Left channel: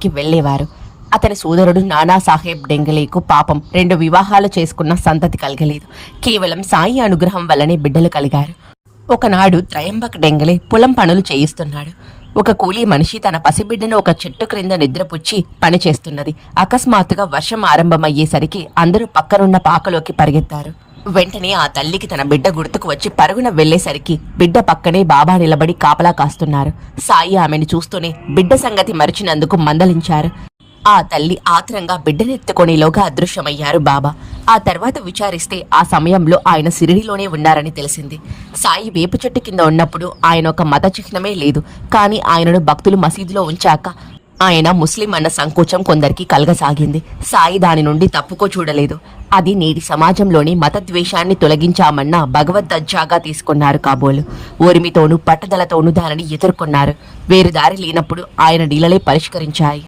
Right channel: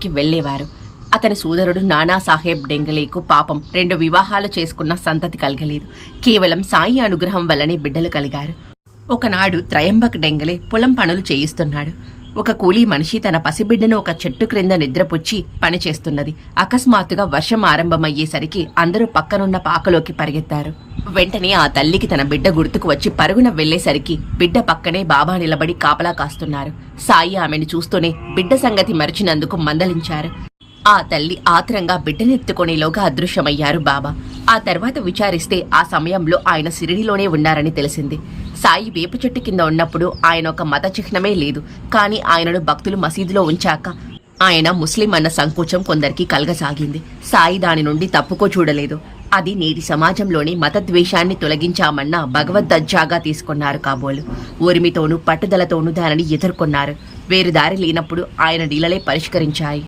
ఇంటికి వెళ్లేవారు. అతని సోదరుడు నానాసాహెబ్ డెంగలేకు పాపం 2 వివాహాలు చేసుకున్న సంతతి కలగలేదు. కేవలం సాయి అనుగ్రహం వల్లనే బిడ్డలు కలిగారు. ఒకనాడు త్రయంబక్ డెంగలే పొలం పనులు చేయిస్తున్నాడు. ఒక కూలీ మనిషి తన పసిబిడ్డను ఒక చెట్టు క్రింద నిద్రపుచ్చి పనిచేస్తున్నది. అకస్మాత్తుగా వర్షం ఆరంభమయ్యేసరికి అందరూ పక్కనున్న పాకలోకి పరిగెత్తారు. వెంటనే ఆ తల్లికి తన బిడ్డ గుర్తుకు వచ్చి పరుగున వెళ్లేసరికి బిడ్డ పక్కనే బాబా నిలబడి కాపలా కాస్తున్నారు. సాయి ఆమెను చూస్తూనే బిడ్డ సంగతి మరిచినందుకు మందలించారు. ఆ తల్లి ఆత్రంగా బిడ్డనెత్తుకొనేలోగా అదృశ్యమయ్యారు బాబా. ఆ తర్వాత విచారిస్తే ఆ సమయంలో ఆయన సిరిడిలోనే ఉన్నారని తెలిసింది. సాయి వేప చెట్టు కింద ఉన్నప్పుడు ఆయన ఒక మత చిహ్నమే లేదు. కానీ ఆయనను భక్తులు మసీదులో ఉంచాక ఆయన ముస్లిం అన్న సంకోచం కొందరికి కలగసాగింది. సాయి దాని నుండి తప్పుకో చూడలేదు. అది నేటి సమాజంలోని మతద్వేషాన్ని తొలగించామన్న భగవద్దజ్జాగా తీసుకున్నారు కాబోలు. ఓరిమితోనూ పట్టుదలతోనూ దానిని ఎదుర్కొన్నారు. వేరు దారి లేనప్పుడు ఆయన లీలలే పరిష్కరించాయి.